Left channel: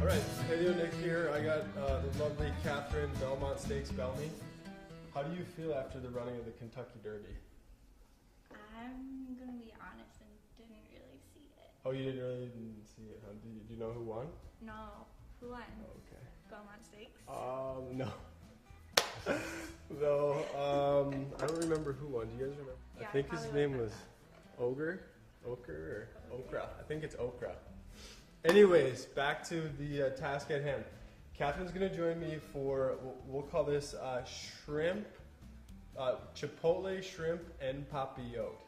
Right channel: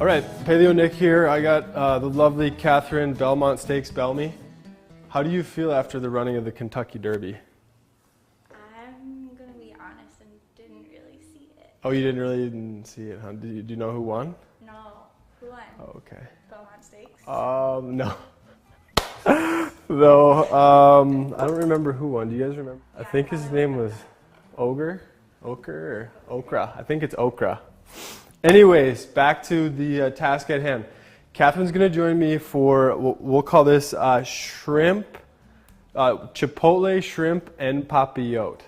All right, Paleo Nick here. I got the lovely Catherine Belmont Steaks Belme. How do you feel after the running of the Kentucky Derby? I'm gonna be honest and didn't really see it. Oh, you didn't see it, huh? Do you know who won? No. Who won? Oh, okay. Belmont Steaks? No. No, I don't remember who won. Do you guys remember? I think his name was Okra or Okra. I think it's Okra. Anyways, back to the task at hand. Catherine's going to join me for, we'll call this shrimp, Chipotle shrimp and Papillote.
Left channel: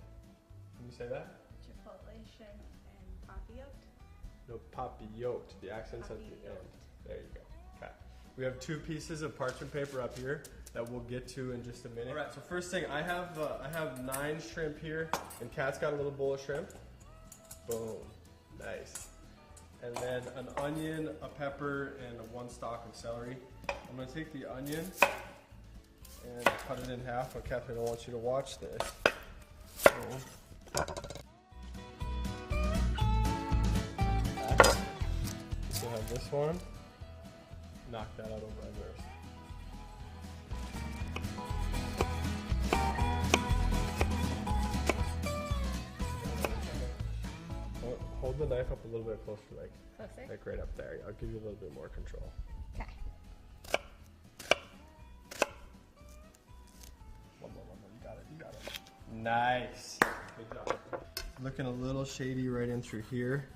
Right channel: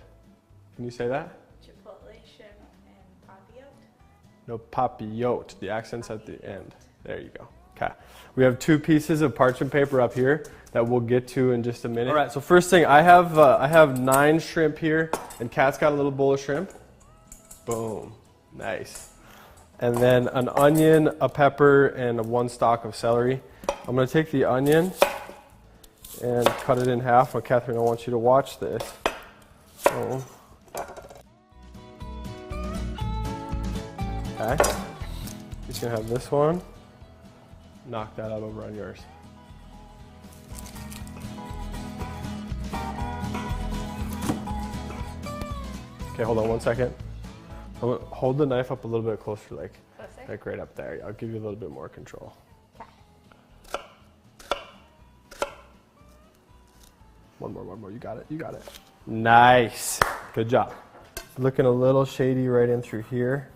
Can you say that? Chipotle, shrimp, and Papillote? No, Papillote. The accent's at the end. There you go. Okay. We have 2 pieces of parchment paper up here that we'll get to in just a minute. All right, so first thing, I have 9 shrimp here, and Kat's got a little bowl of shrimp. Boom. Nice. And then an onion, a pepper, and 1 stalk of celery. I'm going to take the onion and cut it in half. Well, Catherine, I want you to watch this. So, okay. You can have this one. Knock that out over on yours. Okay, hold on 1 second. Hold the knife up a little bit closer, like right up there. I'll give you a little bit more control. Okay. One more. You got it. Nice. Good job. Looking a little shady right in through here.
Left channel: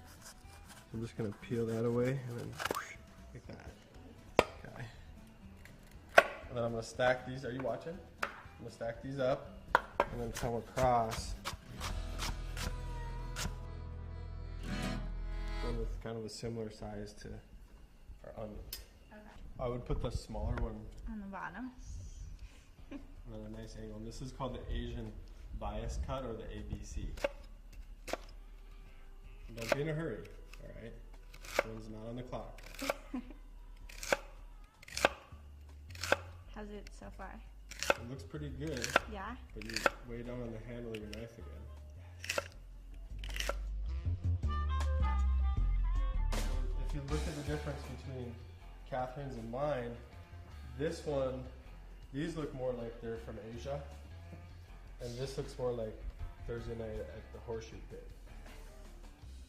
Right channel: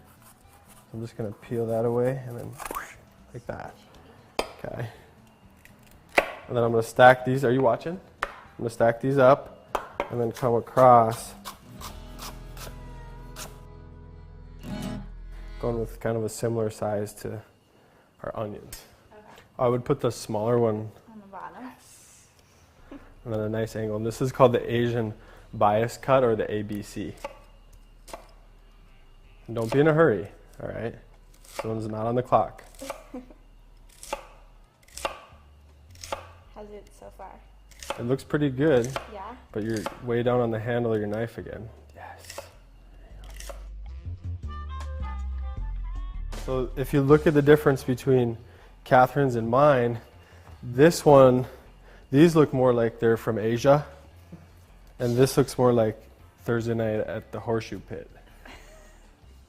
I'm just gonna peel that away and then whoosh, like that. Okay. And then I'm gonna stack these. Are you watching? I'm gonna stack these up and then come across. Going with kind of a similar size to our onions. Okay. I would put the smaller one On the bottom. and then a nice angle. And this is called the Asian bias cut or the ABC. And don't be in a hurry, all right? This one's not on the clock. How's it so far? It looks pretty good, Yeah? but you're way down on the handle of your knife again. Yes. So if you look at the difference between Catherine's and mine, this one, these look more like they're from Asia, and this looks more like Thursday night at the Horseshoe Pit.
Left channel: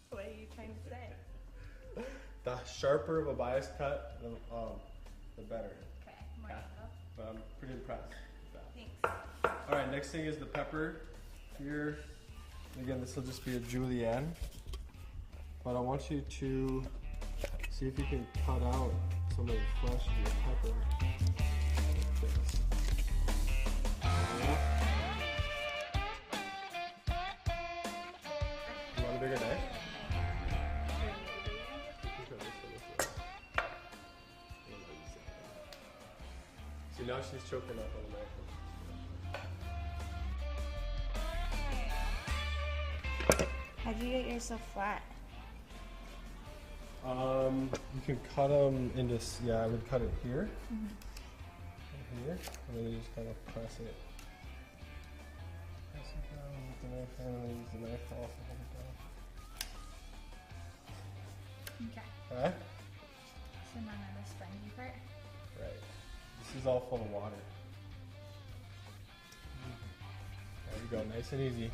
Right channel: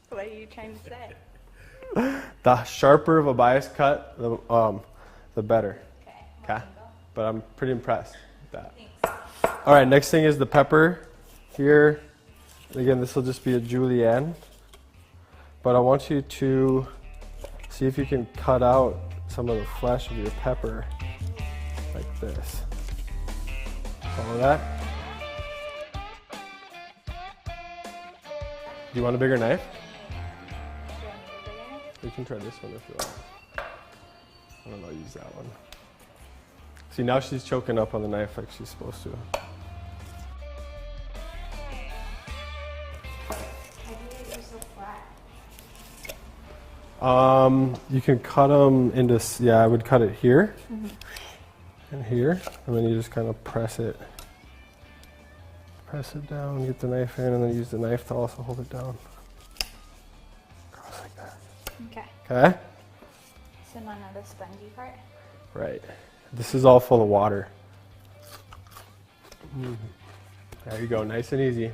What are you trying to say? The sharper of a bias cut, the better. Okay. But I'm pretty impressed with that. Thanks. All right, next thing is the pepper here. Again, this will just be a julienne. But I want you to see if you can cut out some of the flesh of your pepper like this. Follow that? Do you want a bigger knife? You can try this one if you want. I don't know, use that one. See, now she's choking up on the knife like she's supposed to. How do you get yours so flat? You can cut them into, I would cut it here and here, and then you just kind of press it down, get the knife in, and then use the knife to also hold it down. Cross like that. Okay. Okay? So none of the spongy part? Right. This is all full of water. There you go, nice and easy.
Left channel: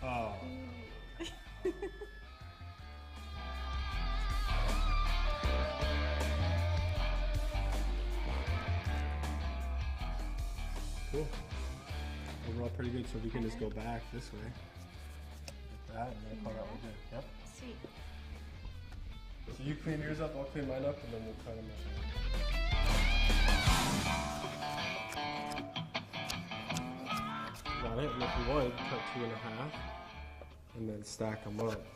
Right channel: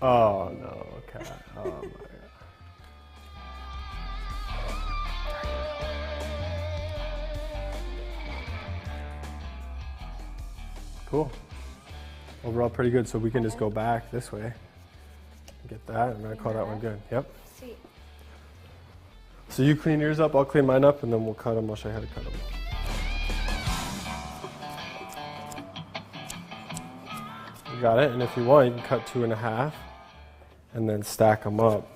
Oh no, okay. Oh my God. Cool. Overall pretty good, so we can just go back this way. Get that, and I call that one good. Yep. Sweet. So you clean yours up, I'll clean mine up, and then we'll cut them. I'll show you how to cut them. You got it, and if you want, you can cut 2 1/2 and then stack them up.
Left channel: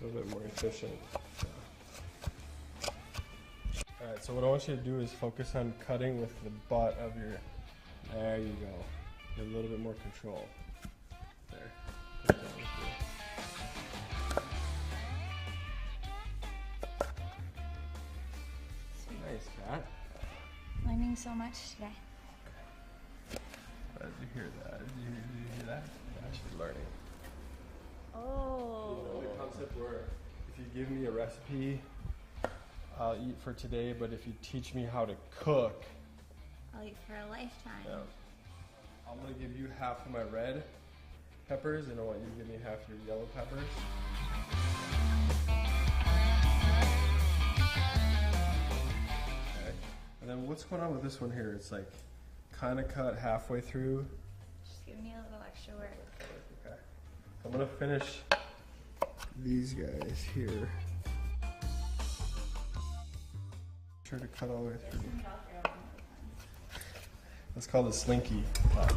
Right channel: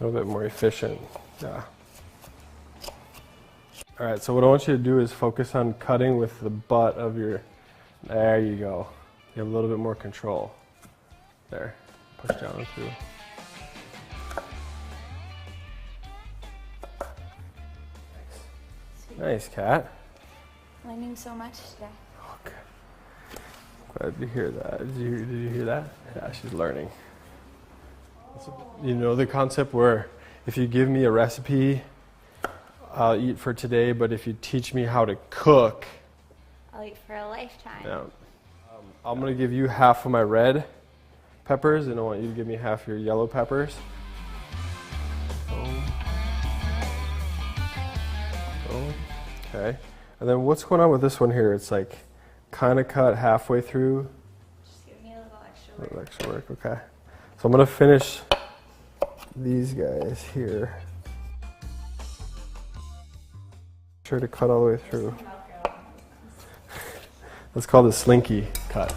A little bit more efficient, yeah. All right, so what I want you to do is focus on cutting with the butt of your, there you go. You have a little bit more control. There, push down through. Nice, Kat. Learning so much today. Okay. Glad to hear that. Did you hear that? Yeah, she's learning. Oh. You know the concept where if you give me a recipe, I'll eat for today, but if you teach me how to cook, I'll eat for a lifetime. yeah. I'm gonna give you half of my red peppers, and I want you to give me half your yellow peppers. Okay, and then what's going on with this one here? It's like kind of cut halfway through. Just give me a little extra A work. little extra work, okay. So I'm gonna finish these guys here. Sure to cut all the way through. Let's call this slinky cut.